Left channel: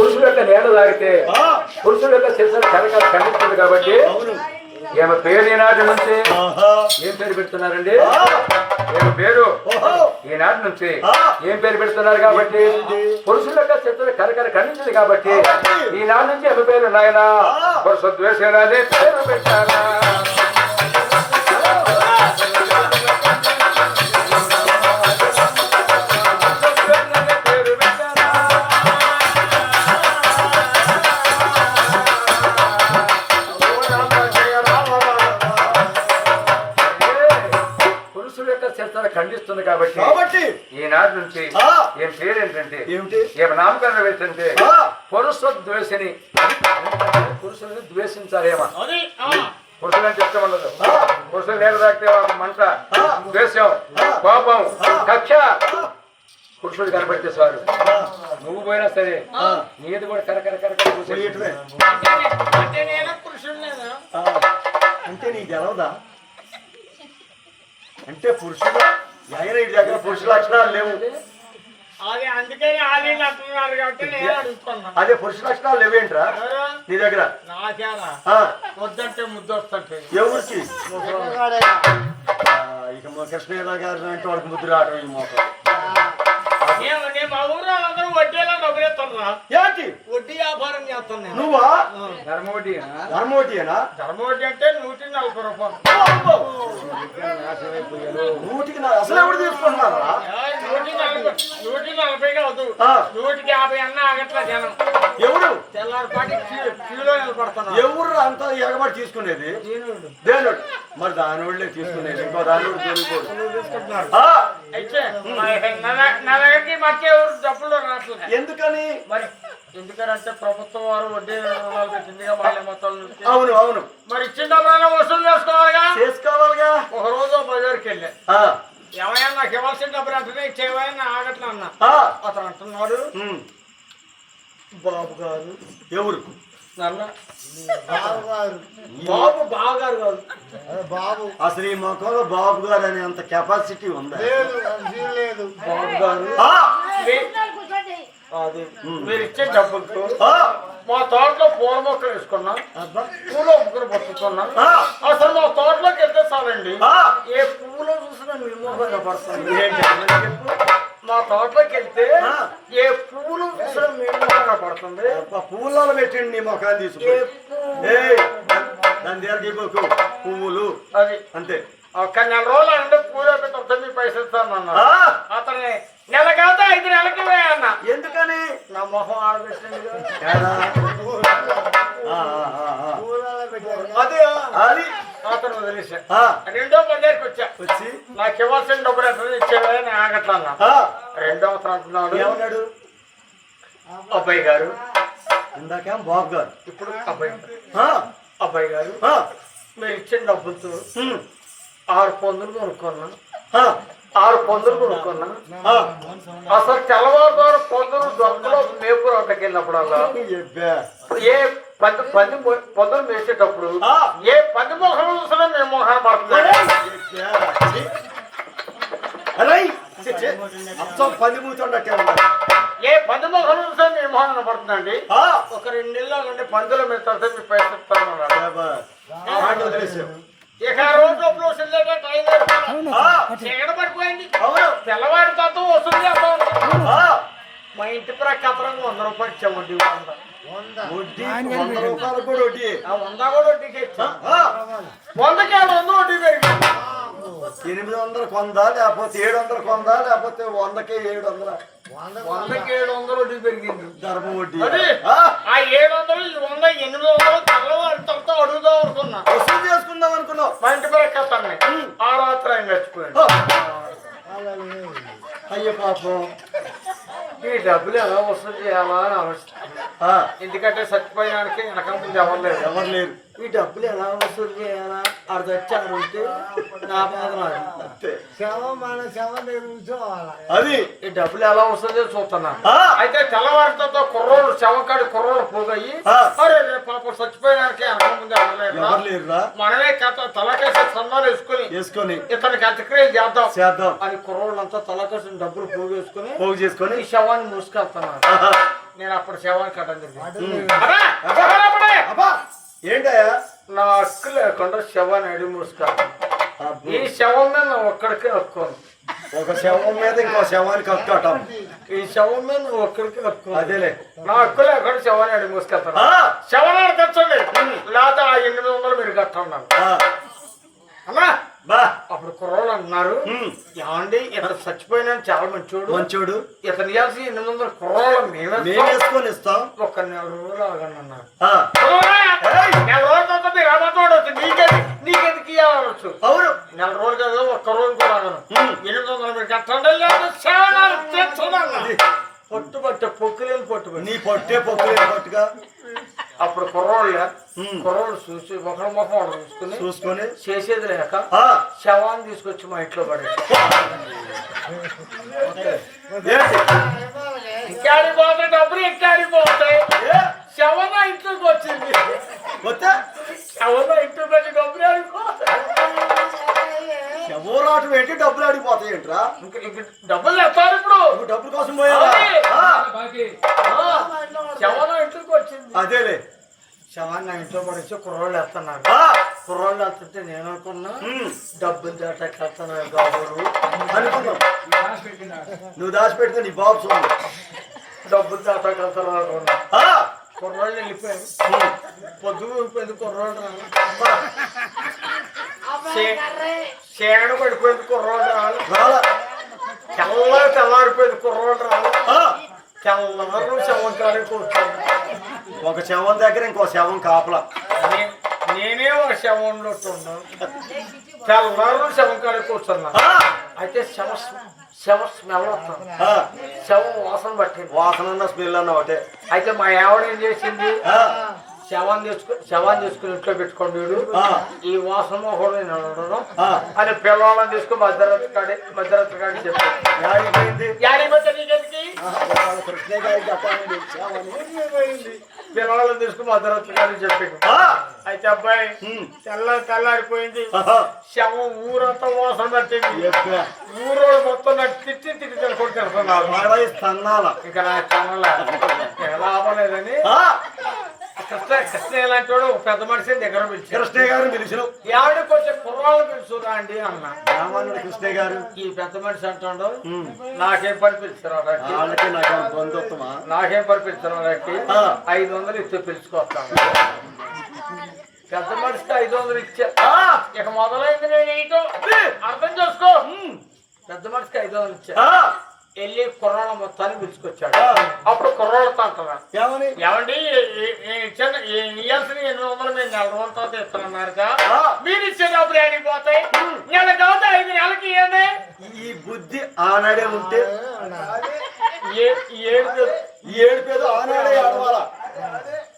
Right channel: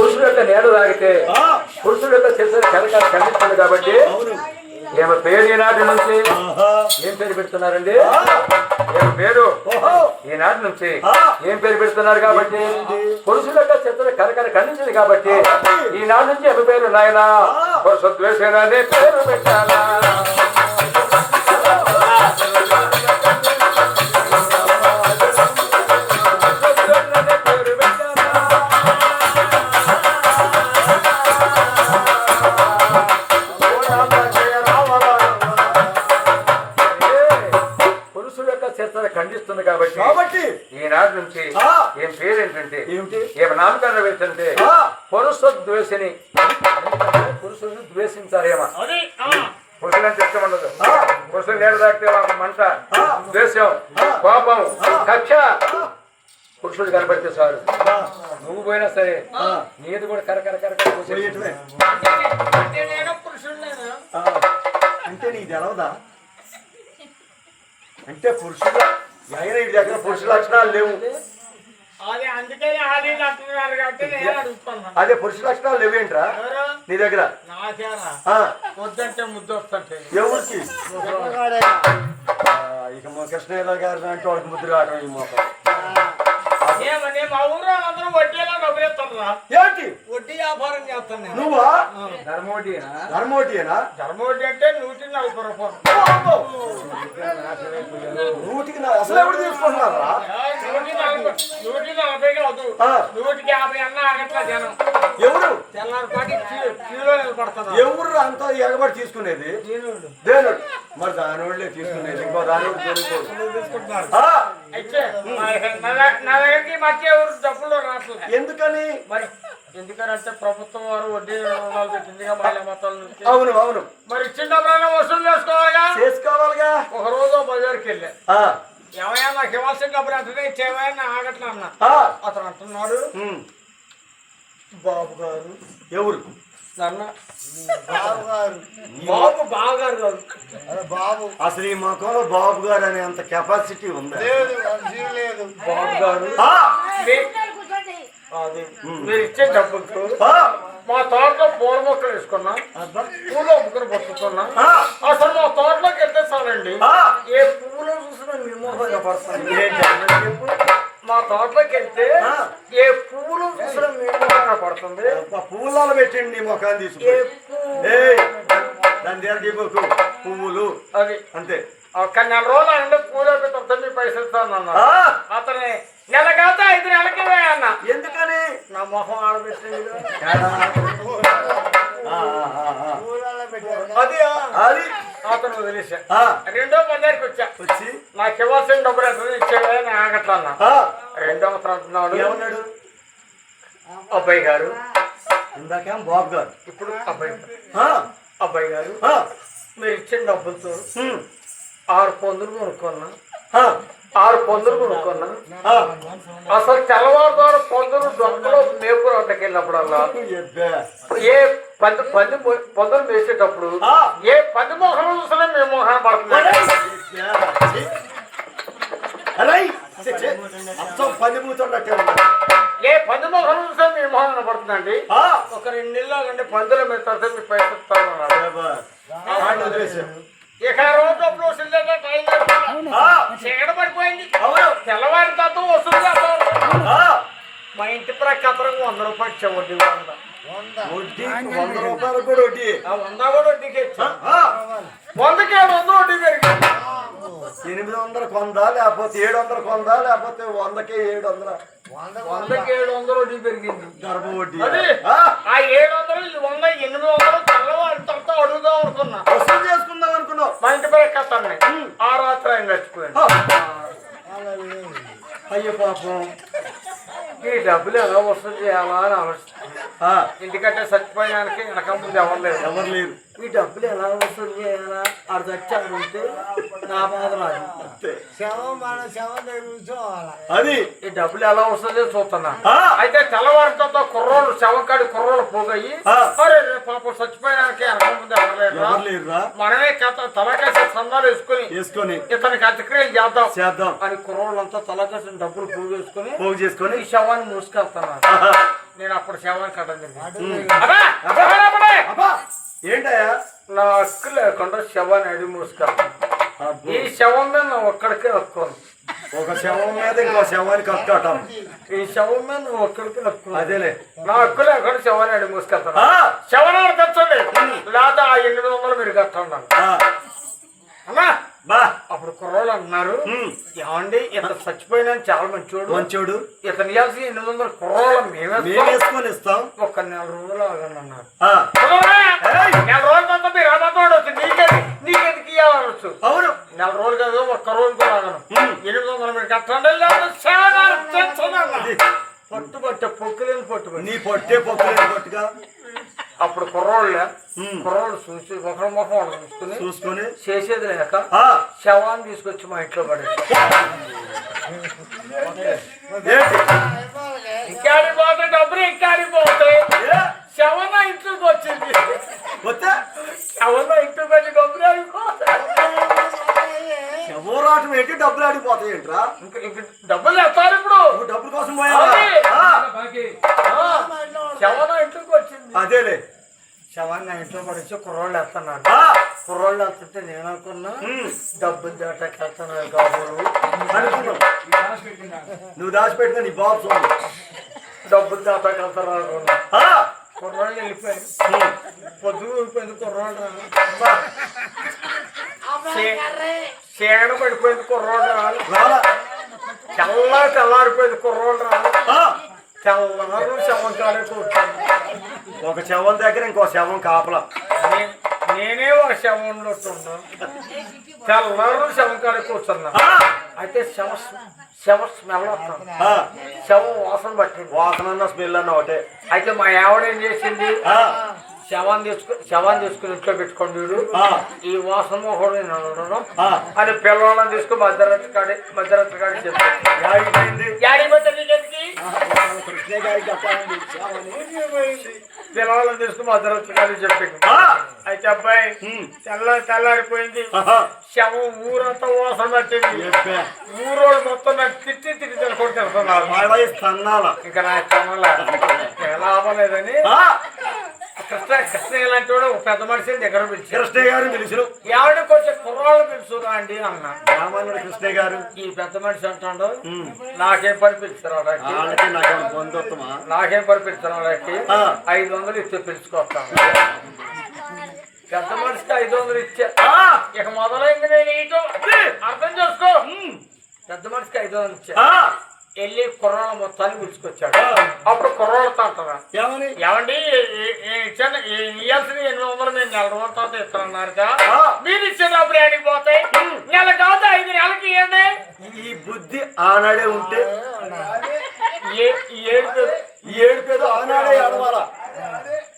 పురుషుడు యొక్క నీడ తాగితే పురుషుడు యొక్క శరీరం ఖండిస్తుంది కాబట్టి ఈమె పేరు ఈనాటి నుంచి ఏం పేరు పెడుతున్నారండి? ఈమె పేరు ఈనాటి నుంచి ఏం పేరు పెడుతున్నారు కాబట్టి పురుషుల యొక్క శత్రువు కరకర ఖండించింది కాబట్టి ఈనాటి నుంచి ఈమె పేరు నాయన పురుష ద్వేషంగానే పేరు పెట్టారా? ఖండిస్తుంది కాబట్టి ఈనాటి నుంచి ఏం పేరు ఏంటంటే ఏం నామకరణం ఏంటంటే పురుష ద్వేషిని. పురుషుని ద్వేషించాలేమా? పురుషులని చెప్తే ఉండదు. పురుషులు నేడు తాకితే ఒక మంట, ద్వేషం, కోపం, కక్ష పురుషుడు కనబడితే సారు నువ్వు పోయినా సరే నీది కూడా కరకర కరకర అంటే నీకు తెలవదా? అంటే పురుషుడు దగ్గర పురుష లక్షణాలు లేవు. అదే పురుష లక్షణాలు లేవేంట్రా నీ దగ్గర? వద్దంటే ముద్దు వస్తుంటే ఎవరికి? ఇక కృష్ణయ్య గారు అంటే వాళ్ళకి ముద్దు రావడం ఈ మోసం. మా ఊరు వాళ్ళందరూ వడ్డీలో డబ్బులు ఇస్తున్నా. ఏంటి వడ్డీ వ్యాపారం చేస్తాను నేను. నువ్వా? ధర్మవడ్డీనా? ధర్మవడ్డీ అంటే 140 రూపాయలు. అసలు ఎవరు తీసుకున్నారా? 140 కాదు, 150 అన్నా ఆగట్లా జనం. ఎవరు? తెల్లారిపాటి క్యూలో నిలబడుతున్నారు. ఎవరు అంతా ఎగబడి తీసుకునేది? దేనుడు. మరి దానివాళ్ళే తీసుకునేది. ఇంకో దానివాడు తీసుకుంటున్నారు. అయితే నా దగ్గరికి మధ్య ఎవరు డబ్బులు రాస్తుంది. ఎందుకని? మరి ఎందుకంటే ప్రభుత్వం వారు వడ్డీ పెట్టింది మహిళా మొత్తాలు. అవును అవును. మరి ఇచ్చిన డబ్బులైనా వసూలు చేసుకోవాలిగా. ఒక రోజు బజార్కి వెళ్ళా. ఏమయ్యా నాకు ఇవ్వాల్సిన డబ్బులు అంటేనే ఇచ్చేవయ్యా నా ఆగట్లా అన్నా. అతను అంటున్నాడు, బాబు గారు. ఎవరు? నాన్న బాబు బావగారు కాదు బాబు. అసలు ఈ మొక్కలో బాబు గారు అనే అంత కెపాసిటీ ఉందా? బాబు గారు అది మీరు ఇచ్చే డబ్బులతో మా తోటలో పూల మొక్కలు వేసుకున్నా, పూల మొక్కలు పట్టుకున్నా. అసలు మా తోటలోకి వెళ్తే చాలండి ఏ పువ్వులు చూసినా నిర్మూలంగా పడుతుంది. మా తోటలోకి వెళ్తే ఏ పువ్వులు చూసినా నిర్మూలంగా పడుతుంది. పువ్వులలో పెట్టండి నీ మొఖాన్ని తీసుకు. దాని దగ్గర పువ్వులు అది అంతే. ఒక నెల రోజులు అంటే పూలు మీ పైసలు ఇస్తాను అన్నా. అతన్ని నెల కాదు 5 నెలలకి అన్న. ఎందుకని? నా మొహం ఆడబెట్టింది అది అతను వదిలేసా. రెండో బజార్కి వచ్చి నాకు ఇవ్వాల్సిన డబ్బులు ఎక్కడ ఇచ్చేవా అని ఆగట్లా అన్నా. రెండో అతను అంటున్నాడు, ఏమన్నాడు? అబ్బాయి గారు. ఇందాక బాబు గారు, ఇప్పుడు అబ్బాయి గారు మీరు ఇచ్చిన డబ్బులతో 6 పందులు కొనుక్కున్నా. 6 పందులు కొనుక్కున్నా. అసలు తెల్లవారు పందులు దొంగలో మేపురు అంతకి వెళ్ళినప్పుడల్లా ఏ పందులు వేసేటప్పుడు ఏ 10 మోహనం చూసినా మేము మోహనం పడుతున్నాం. 10 మూతున్నట్టే ఉన్నారు. ఏ 10 మోహనం చూసినా మేము మోహనం పడుతుందండి. ఒక 2 నెలలు అంటే పందుల మీద తరచు మీరు పైసలు ఇస్తామన్నాడు. ఇక రోజు చీకట పడిపోయింది. తెల్లవారి తత్వం వసూలు చేస్తాను. మా ఇంటి ప్రకారం 100 రూపాయలు ఇచ్చా వడ్డీ. 100 రూపాయలు కూడా వడ్డీ. 100 కూడా వడ్డీకి ఇచ్చా. 100కి 700 వడ్డీ పెరిగింది. 800 కొందా, లేకపోతే 700 కొందా, లేకపోతే 100కే 700. 100కి 700 వడ్డీ పెరిగింది. ధర్మ వడ్డీ. ఆ 700 100 800 తెల్లవారి తర్వాత అడుగుదాం అనుకున్నా. వసూలు చేసుకుందాం అనుకున్నావు. మా ఇంటి ప్రకారం ఆ రాత్రి ఆయన చచ్చిపోయాను. అయ్యో పాపం. ఈ డబ్బులు ఎలా వసూలు చేయాలా అని ఆలోచిస్తాను. ఎందుకంటే చచ్చిపోయానికి వెనక ముందు ఎవరు లేరు. ఈ డబ్బులు ఎలా వసూలు చేయాలా అది చచ్చారు ఉంటే నా బాధ అది. ఈ డబ్బులు ఎలా వస్తుంది చూస్తున్నా. అయితే తెల్లవారితో కుర్రోలు శవకాడి కుర్రోలు పోగయి అరే పాప చచ్చిపోయానికి వెనక ముందు ఎవరు లేరు. మనమే తలకేసి సన్నాలు వేసుకొని ఇతనికి అంత్యక్రియ చేద్దాం అని కుర్రోళ్ళంతా తలకేసిన డబ్బులు పోగు చేసుకొని ఈ శవాన్ని మూసుకెళ్తున్నారు. నేను అప్పుడు శవాన్ని కట్టం అబ్బా ఏంటయ్యా నా హక్కు లేకుండా శవాన్ని అడి మూసుకో ఈ శవం మీద నువ్వు ఒక్కడికే హక్కోను ఒక శవం మీద ఇంకో శవానికి హక్కు ఈ శవం మీద నువ్వు ఒక్కడికే హక్కు అదేలే నా హక్కు లేకుండా శవాన్ని అడి మూసుకెళ్తాను శవాన్ని తెచ్చండి లేదా ఆ 800 మీరు కట్టండి అన్నా బా అప్పుడు కుర్రోళ్ళు అన్నారు ఏమండి ఇతను చచ్చిపోయినా చాలా మంచోడు ఇతను ఇవ్వాల్సి 800 కుర్రోళ్ళు మేమే వేసుకొని ఇస్తాం ఒక 4 రోజులు ఆగండి అన్నారు 4 రోజుల తర్వాత మీరు అమ్మతోడవచ్చు నీకెందుకు ఇవ్వాలవచ్చు అవును 4 రోజులు కదా ఒక్క రోజు కూడా ఆగను 800 మీరు కట్టండి లేదు పట్టుబట్ట పొక్కులేని పట్టుబట్టి నీ పొట్టే పొక్కులేని పట్టుగా అప్పుడు కుర్రోళ్ళు చూసి ఒకరి ముఖం చూసుకుని చేసేది లేక శవాన్ని తీసుకొచ్చి మా ఇంట్లో పడేసి ఇంకాడి పోతే డబ్బులు ఇంకాడి పోతాయి శవం ఇంట్లోకి వచ్చింది శవం ఇంట్లోకి వచ్చి డబ్బులు ఆడిపోతాయి శవరాటు పెట్టి డబ్బులు ఆడిపోతాయి ఏంట్రా ఇంక డబ్బులు తెస్తారు ఇప్పుడు డబ్బుల కోసం పోయా శవం ఇంట్లోకి వచ్చింది అదేలే శవాన్ని ఇంట్లో పడేసి కుర్రోళ్ళు వేస్తున్నారు కుర్రోళ్ళు వేస్తుంటే నేను అనుకున్నా డబ్బులు దాటకెళ్తున్నాను అనుకున్నావు నువ్వు దాచిపెట్టుకుని నీ బాబు చూడు డబ్బులు దాటకెళ్తారు అనుకున్నా కుర్రోళ్ళు వెళ్ళిపోయారు పొద్దుగు వెళ్ళిపోయింది కుర్రోళ్ళు చీడ పడిపోయింది కుర్రోళ్ళు రాలా తెల్లారిపోయింది కుర్రోళ్ళు తెల్లారు శవం కాడే కూర్చోండి ఒక శవం దగ్గర ఇంకో శవం కాపలా నేనే ఒక శవంలో తెల్లారు శవం కాడే కూర్చున్నా అయితే శవ స్మెల్ వస్తుంది శవం వాసన పట్టింది వాసన స్మెల్ అన్న ఒకటే అయితే మా ఆవిడ ఏం చేసింది శవాన్ని తీసుకుని ఇంట్లో పెట్టుకోండి వీడు ఈ వాసన కూడా నేను ఉండడం అని పిల్లవాళ్ళని తీసుకుని మధ్యరాత్రి కాడి పిల్లవాళ్ళని తీసుకుని మధ్యరాత్రి కాడి చెప్పాడు అయితే అబ్బాయి తెల్లారిపోయింది శవం ఊరంతా వాసన పట్టింది ఊరోడు మొత్తం నాకు తిట్టి తిట్టుకొని తెలుస్తున్నారు ఇంకా లాభం లేదని కృష్ణ ఇలాంటి వాడు ఒక పెద్ద మనిషి దగ్గర పిలిచి కృష్ణయ్య గారిని పిలిచిన ఆవిడ కొంచెం కుర్రాళ్ళు పిలుచురా అండి అన్నా ఏమన్నాడు కృష్ణయ్య గారు ఈ పెద్ద మనిషి అంటాడు నాకేం పని పిలుచురా నాకేం పని పిలుచురా 500 ఇస్తే పిలుచుకొస్తాను పెద్ద మనిషికి 500 ఇచ్చా ఇక మొదలైంది నేను ఏంటో అర్థం చేసుకో పెద్ద మనిషికి 500 ఇచ్చా వెళ్ళి కుర్రాళ్ళ మొత్తాన్ని పిలుచుకొచ్చాడు అప్పుడు కుర్రాళ్ళతో అంటారా ఏమండి ఇవ్వాల్సిన 800 నేను 4 రోజుల తర్వాత ఇస్తానన్నారు మీరు ఇచ్చే డబ్బులు ఏడికి పోతాయి నెల కాదు 5 నెలలకి ఇవ్వండి ఈ బుద్ధి ఆనాడే ఉంటే ఏడుపేదో ఆనాడే ఆడవాలా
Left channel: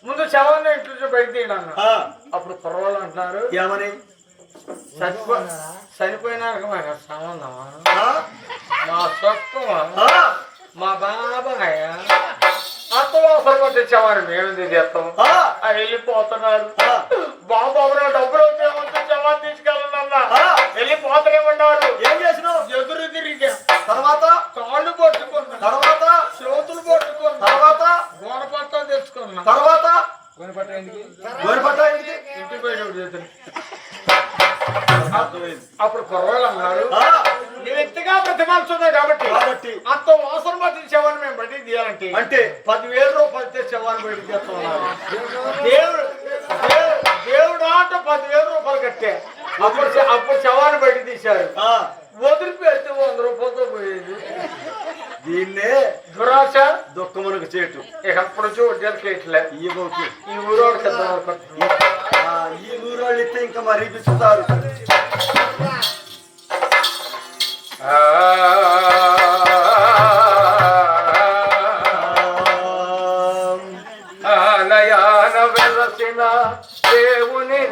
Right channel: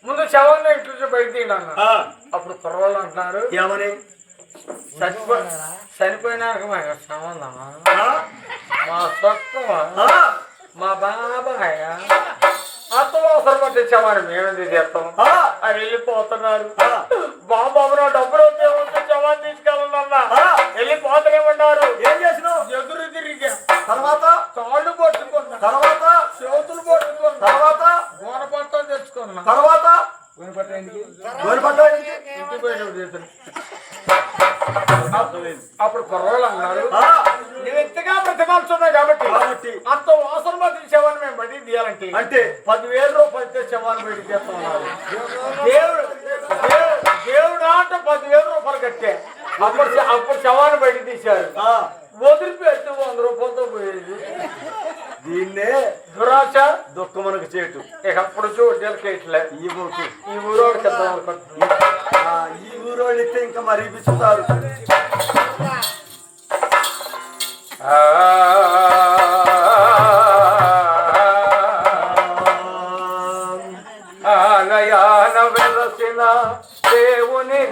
ముందు శవాన్ని ఇంట్లో బయట తీయడం అప్పుడు కుర్రాళ్ళు అంటున్నారు ఏమని చనిపోయినాక మా సంబంధమా మా సొత్తమా మా బాబాయ్ అంతవాసన తెచ్చామని మేమేంది చేస్తాం అని వెళ్ళిపోతున్నారు బాబు నా డబ్బులు వచ్చే శవాన్ని తీసుకెళ్ళండి వెళ్ళిపోతలేమన్నారు ఏం చేసినావు ఎదురు తిరిగా తర్వాత కాళ్ళు పట్టుకున్నా తర్వాత చేతులు పట్టుకున్నా తర్వాత గోనపట్టాలు తెచ్చుకున్నా తర్వాత ఇంటి పోయిన చేతులు అప్పుడు కుర్రోళ్ళు అన్నారు నువ్వు ఎంతగా బ్రతకాల్సింది కాబట్టి అంత వాసన బట్టి శవాన్ని మేము బయటికి తీయాలంటే అంటే 10,000 రూపాయలు శవాన్ని బయటికి తీస్తున్నారు దేవుడు అంటే 10,000 రూపాయలు కట్టే అప్పుడు శవాన్ని బయటకు తీశారు వదిలిపెడితే 100 రూపాయలతో పోయేది దీన్నే దురాశ దుఃఖమునకు చేటు ఇక అప్పుడు చూడట్లే ఈ ఊరోడు ఈ ఊరోళ్ళు ఇస్తే ఇంకా మరీ పిచ్చుతారు ఆలయాన వెలసిన దేవుని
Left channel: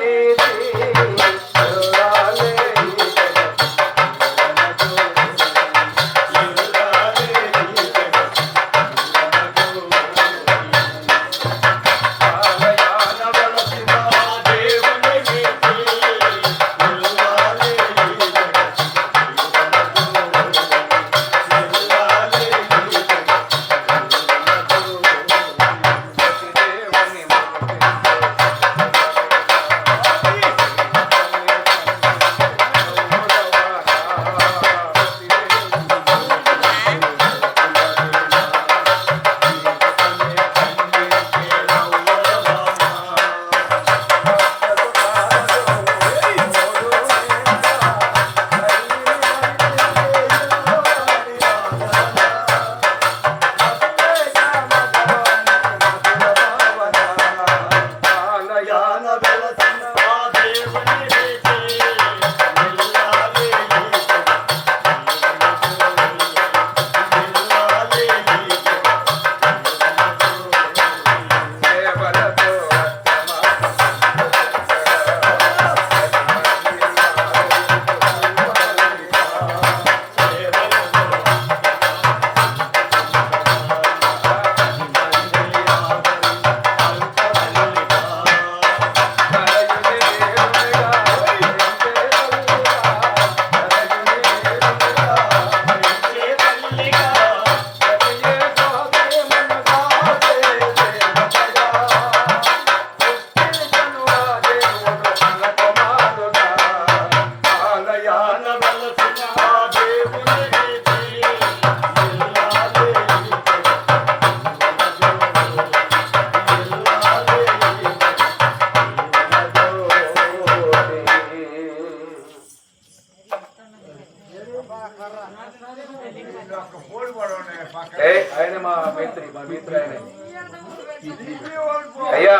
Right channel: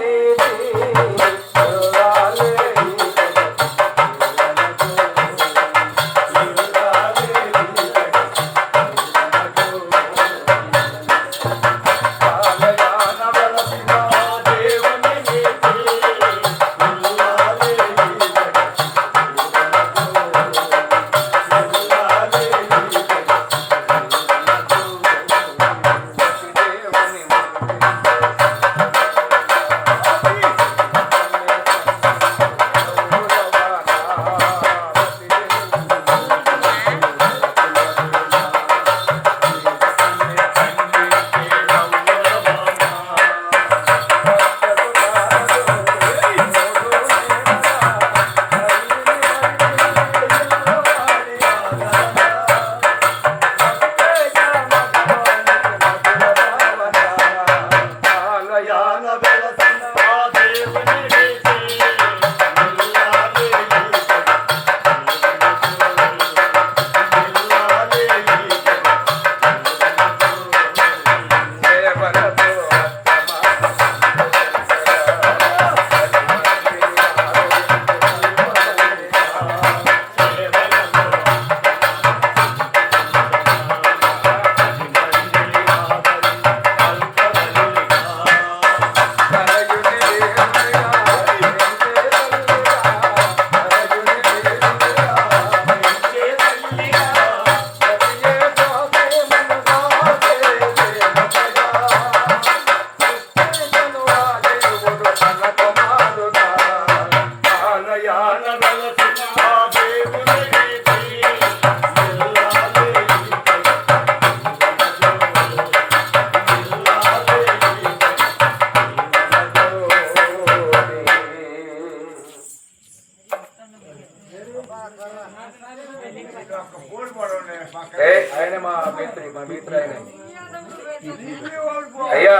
అయ్యా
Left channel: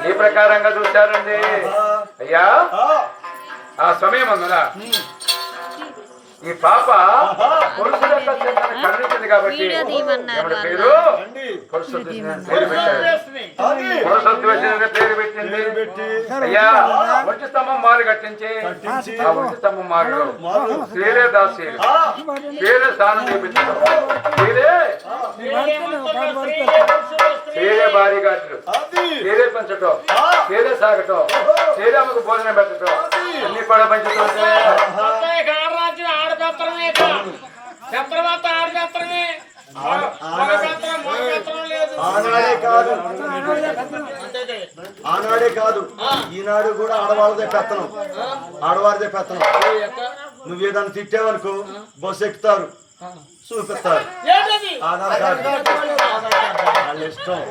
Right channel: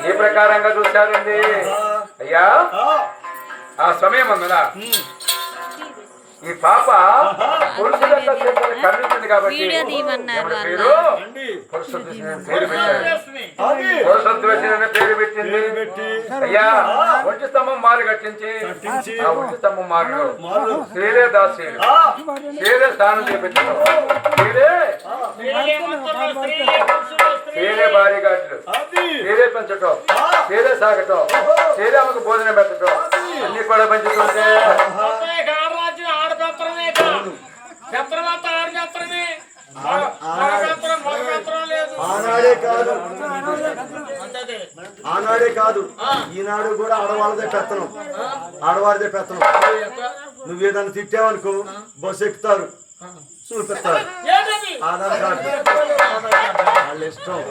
ఈ ప్రకారంగా చూశారండి అయ్యా ఆ సమయం అందున ఈ పాప పురుషుల ఖండించింది కాబట్టి పేరు పెట్టింది అయ్యా ఒంటి స్తంభం మారు కట్టించి ఆ ఒంటి స్తంభం మారు పేరే దాసి పేరే స్థానం చేపించి పేరే భారీగాట్లు పేరే పెంచటం పేరే సాగటం పేరే ఆమెకు భోజనం పెట్టడం అన్ని కూడా పెంచుతుంటే ఆనాడే కాదు ఈనాడు కూడా ఆడవాళ్ళదే పెత్తనం ఆడవారిదే పెత్తనం నువ్వేదాన్ని తిట్టావనుకో బస్సు ఎక్కుతారు చూపిస్తారు ఆధార్ కార్డు వాళ్ళ ఇష్టం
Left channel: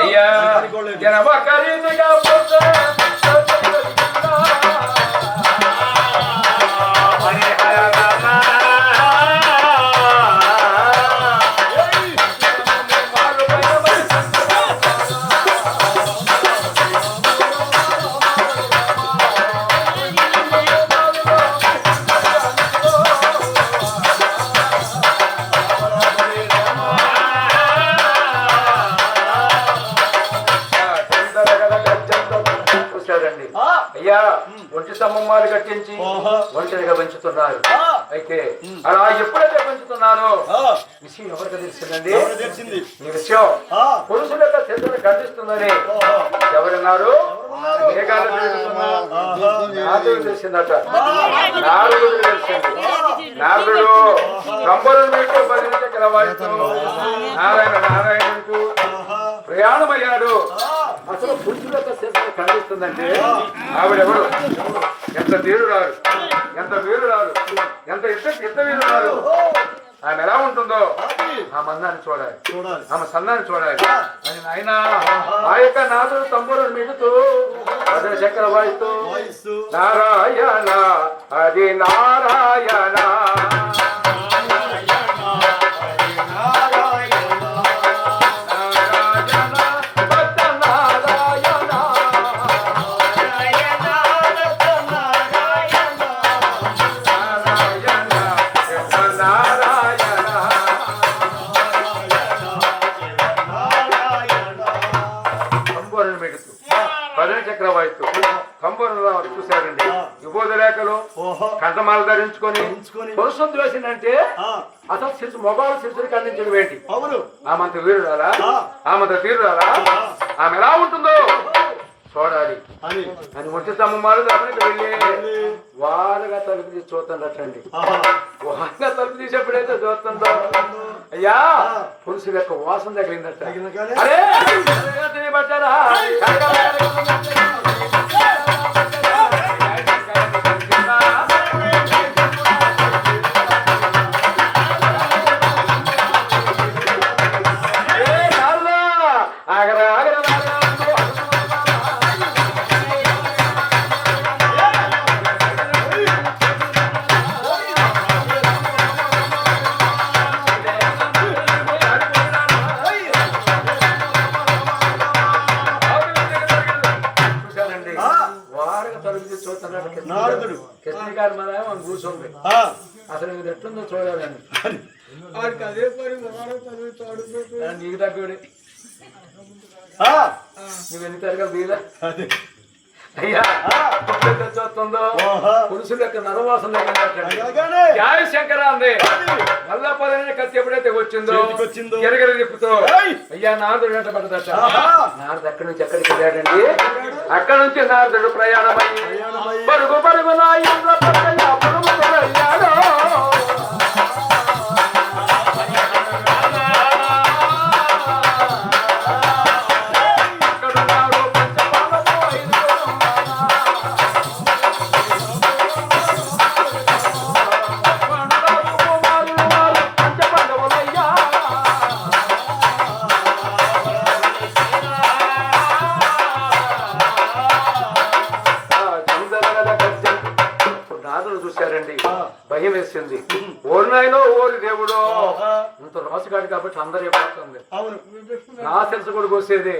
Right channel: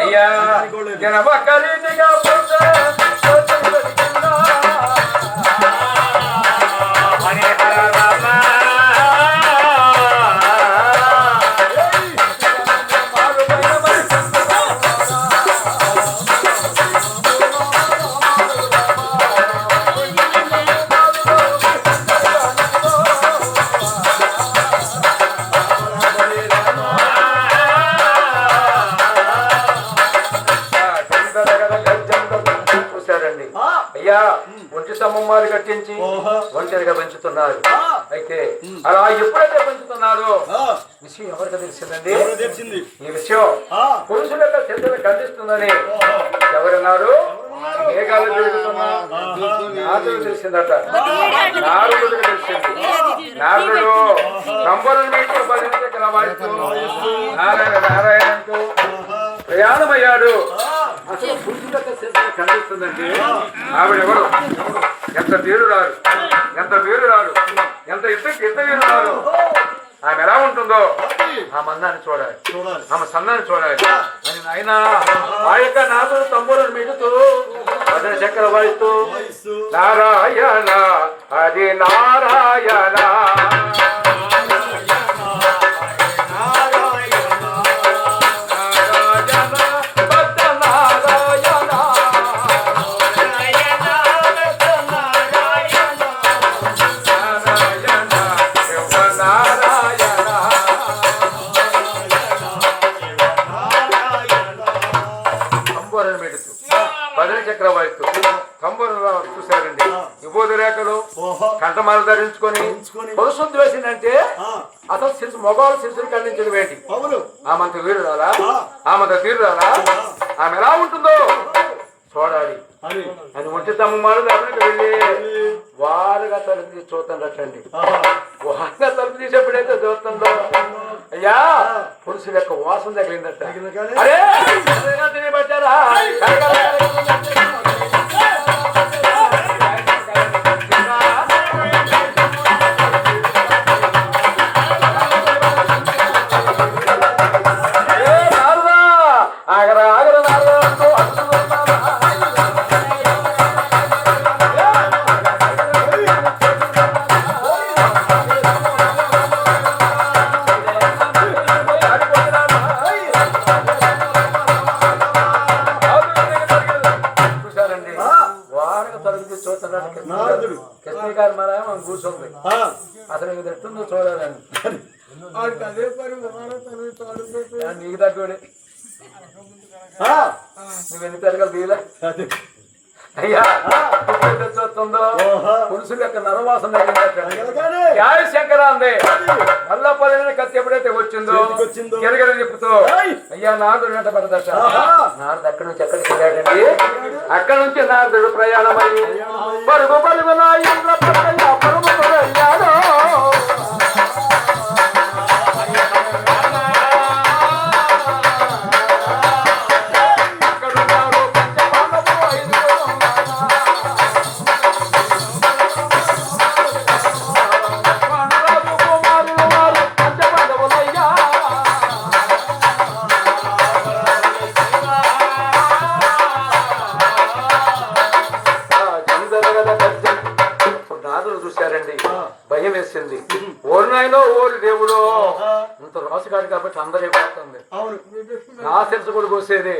అయ్యా అయ్యా ఒంటి స్తంభాలు కట్టించి ఒంటరిగా పెంచుతున్నారు అయితే అలా ఎప్పుడైతే పెంచుతున్నారో విషయం ఎవరికి తెలిసిందండి ఈ విషయం పురుషులలో చంద్రుడు ఖండిస్తుందని ఎవరన్నారు నారదుడు తెలిసిందట నారదుడు తెలిసింది నారదుడు కంబలు నారాయణకు ప్రయాణమయ్యాడు అసలు పురుషులకు ఖండిస్తుందంటే ఆవిడెవరు ఎంత వీరురాడు ఎంత వీరురాడు ఎంత ఇత్త వీరురాడు ఆమె ఎలా ఉంటుందో ఆ మందాన్ని చూడాలి ఆమె సందాన్ని చూడాలి అని ఆయన ఆ యొక్క నాదుడు తంబూరుని మిగుతూ భజన చక్ర వాయిస్తూ నారాయణ అది నారాయణ చూసారండి విభూతి రేఖలు కంఠమాలు ధరించుకొని పురుషులు ద్వేషిందంటే అసలు శిరసు మగవాళ్ళ శిరసులు ఖండించడం ఏంటి అవును ఆమంత వీరురాలా ఆమంత వీరురాలా ఆమె ఎలా ఉంటుందో చూడాలి అని ఒంటి తమ్మారు అక్కడికి వెళ్ళి వారుగా తలుపు తీసి చూస్తాను రట్టండి వారుగా తలుపు తీసి ఎప్పుడైతే చూస్తుందో అయ్యా పురుషుల యొక్క వాసన తగిలిందట అరే తినబట్టారా కూర్చోండి అసలు ఇది ఎట్టుందో చూడాలని అదే పని నీకు తగ్గోడే నువ్వు ఎన్ని తరగతి దిగులే అయ్యా చూస్తుందో పురుషుల యొక్క నరవాసన శంకర అందే మళ్ళా పదిహేను కత్తి ఎప్పుడైతే వచ్చిందో ఎరగల తిప్పుతో అయ్యా నారదుడు వెంట పడదట నారదు అక్కడి నుంచి ఎక్కడికి వెళ్ళాడండి అక్కడి నుంచి నారదుడు ప్రయాణమై పరుగు పరుగు భయం వేసింది. ఓరి నాయనో ఓరి దేవుడు, ఇంత రాసుగాడు కాబట్టి అందరూ అయిపోతుంది. అవును, నా తెలుసు కూడా పోసేది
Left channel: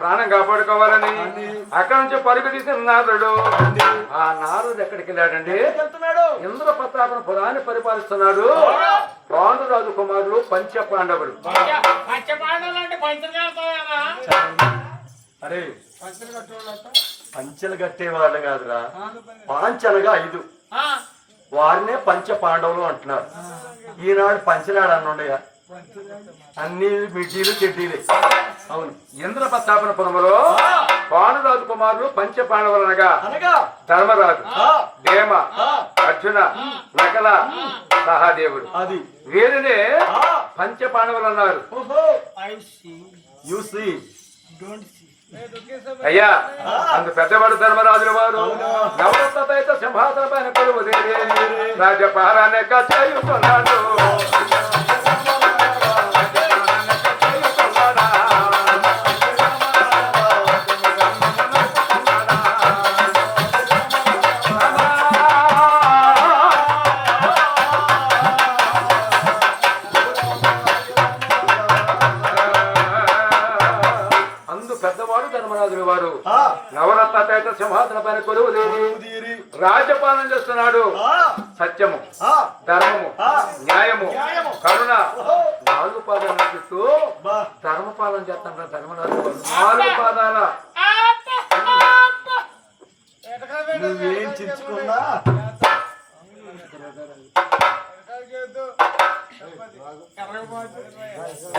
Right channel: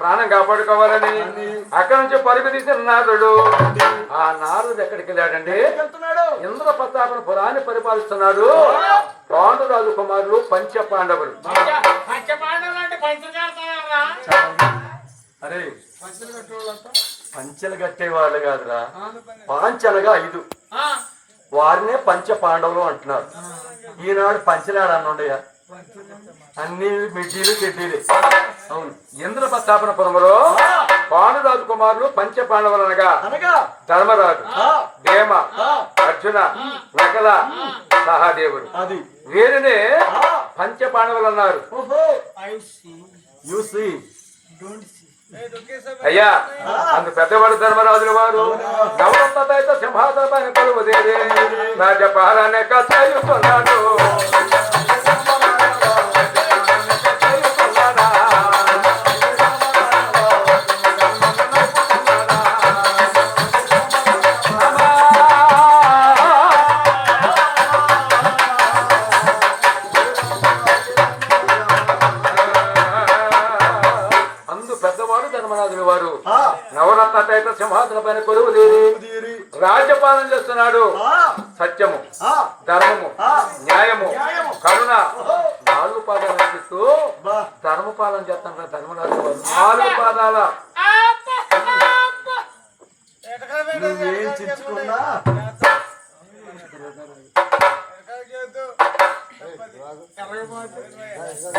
ప్రాణం కాపాడుకోవాలని అక్కడి నుంచి పరుగు తీసిన నారదుడు. ఆ నారదుడు ఎక్కడికి వెళ్ళాడండి? ఇంద్ర ప్రతాపన పురాన్ని పరిపాలిస్తున్నాడు. పాండురాజు కుమారులు పంచ పాండవులు. అరే పంచెలు కట్టేవాళ్ళు కాదురా, పాంచనగా 5 వారినే పంచ పాండవులు అంటున్నారు. ఈనాడు పంచనాడు అన్నుండయా, అన్ని మిడ్డీలు చెడ్డీలు. అవును, ఇంద్ర ప్రతాపనపురంలో పాండురాజు కుమారులు పంచ పాండవులు అనగా ధర్మరాజు, భీమ, అర్జున, నకల, సహదేవుడు. అది వీరిని పంచ పాండవులు అన్నారు. అయ్యా అందు పెద్దవాడు ధర్మరాజుల వారు నవరత్నతో సింహాసన పైన కొలువుదేరి రాజపాలనే కథయుతున్నాడు. ధర్మరాజుల వారు నవరత్న సింహాసన పైన కొలువు తీరి రాజ్యపాలన చేస్తున్నాడు. సత్యము, ధర్మము, న్యాయము, కరుణ 4 పాదాలు నడిపిస్తూ ధర్మపాలన చేస్తున్నారు ధర్మరాజు వారు. 4 పాదాల నువ్వేం చించుకున్నా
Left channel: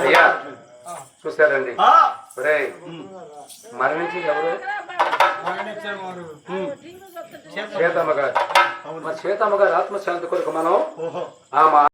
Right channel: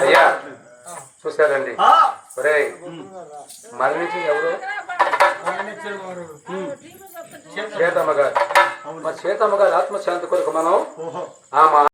అయ్యా చూసారండి. మరణించి ఎవరు? సీతమ్మ గారు. సీతమ్మ గారు ఆత్మశాంతి కొరకు మనం ఆ